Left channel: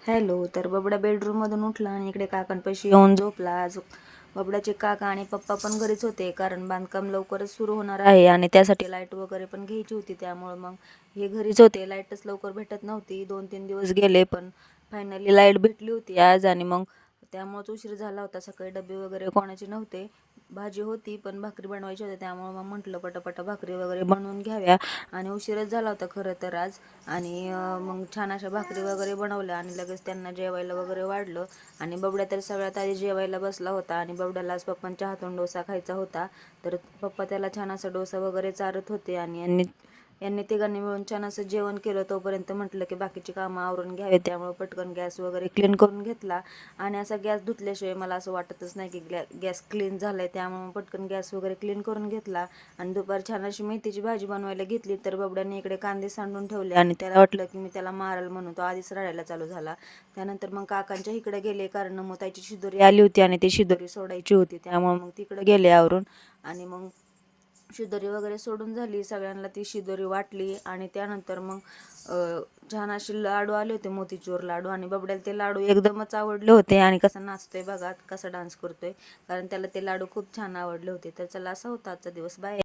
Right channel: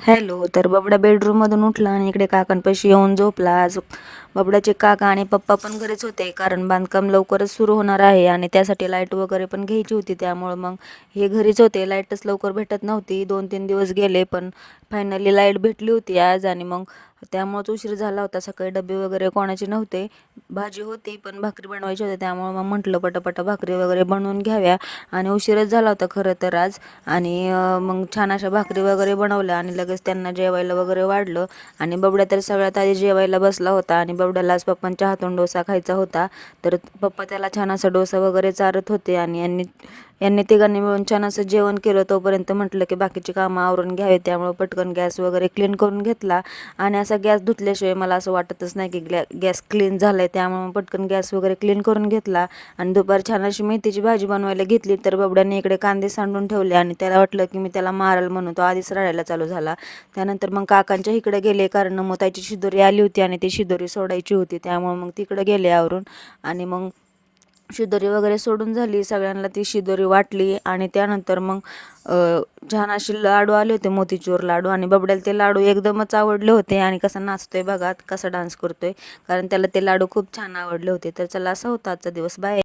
Hello. तर बबडा बेडरूममधून उठला आणि इकडे काकांपाशी येऊन झोपला. आज बबड्याचे काका आणि पप्पा पण घरीच होते, कारण बांधकाम लवकरच सुरू होणार आहे आणि त्यासाठी लाईट वगैरे पण घ्यायची होती. त्यामुळं मग हे घरीच होते. लाईटच लवकर भेटत नव्हती. 2-3 दिवस गेले, पण फायनली लाईट भेटली होती आज. आणि मग त्यामुळंच उशीर झाला होता. सकाळी डबे वगैरे कोणाचे नव्हते. भाजी होती, पण भाकरी बनवायची होती. त्यामुळं मग म्हटलं पटापटा भाकरी वगैरे बनवून घ्याव्या. आणि उशीरच झाला होता खरं तर आज. आणि मग छान अशा भाकरी वगैरे बनवल्या आणि लगेच त्यांना जेवायला वगैरे वाढलं. आणि बबड्या तर सगळ्यात आधी जेवायला बसला होता आणि बबड्याला आज पप्पांच्या हातून डोसा खायचा होता. तर पप्पा त्याला छान असा डोसा वगैरे चारत होते आणि यांनी यांनी तिघांनी मिळून छान असं जेवण केलं. तोपर्यंत म्हटलं की बाकीची कामं आवरून घ्यावे, त्यामुळे पटकन गॅस वगैरे क्लीन करून घेतला. आणि असा गॅस धुतल्याशिवाय मला असं वाटतच नाही की गॅस क्लीन झाला आहे. त्यामुळे मग पटकन गॅस वगैरे क्लीन करून घेतला. आणि दुपार छान अशी मेथीची भाजी बनवायला घेतली. तर बबड्याने इकडे कांदे सांडून ठेवले आणि त्याला वाटलं की मी त्याला मारल, म्हणून तो आधीच रडायला चालू झाला. त्यानंतर मग काकांच्या इकडे गेले, कारण मग त्याची शिदोरी आली होती आणि ती शिदोरी सोडायची होती. त्यामुळे मग तिकडे गेले आवरून. आणि मग शिदोरी वगैरे सोडून झाली, सगळ्यांना ती शिदोरी वाटली. आणि त्यानंतर मग छान असे लाडू आले होते, मोतीचूर लाडू. आणि बबड्याला ते लाडू एकदमच आवडले होते. आणि कसा नाचतोय बघा, कसा डान्स करतोय, कारण त्याला ते लाडू खूप छान आवडले होते. तर चला, असा होता आजचा दिवस. बाय.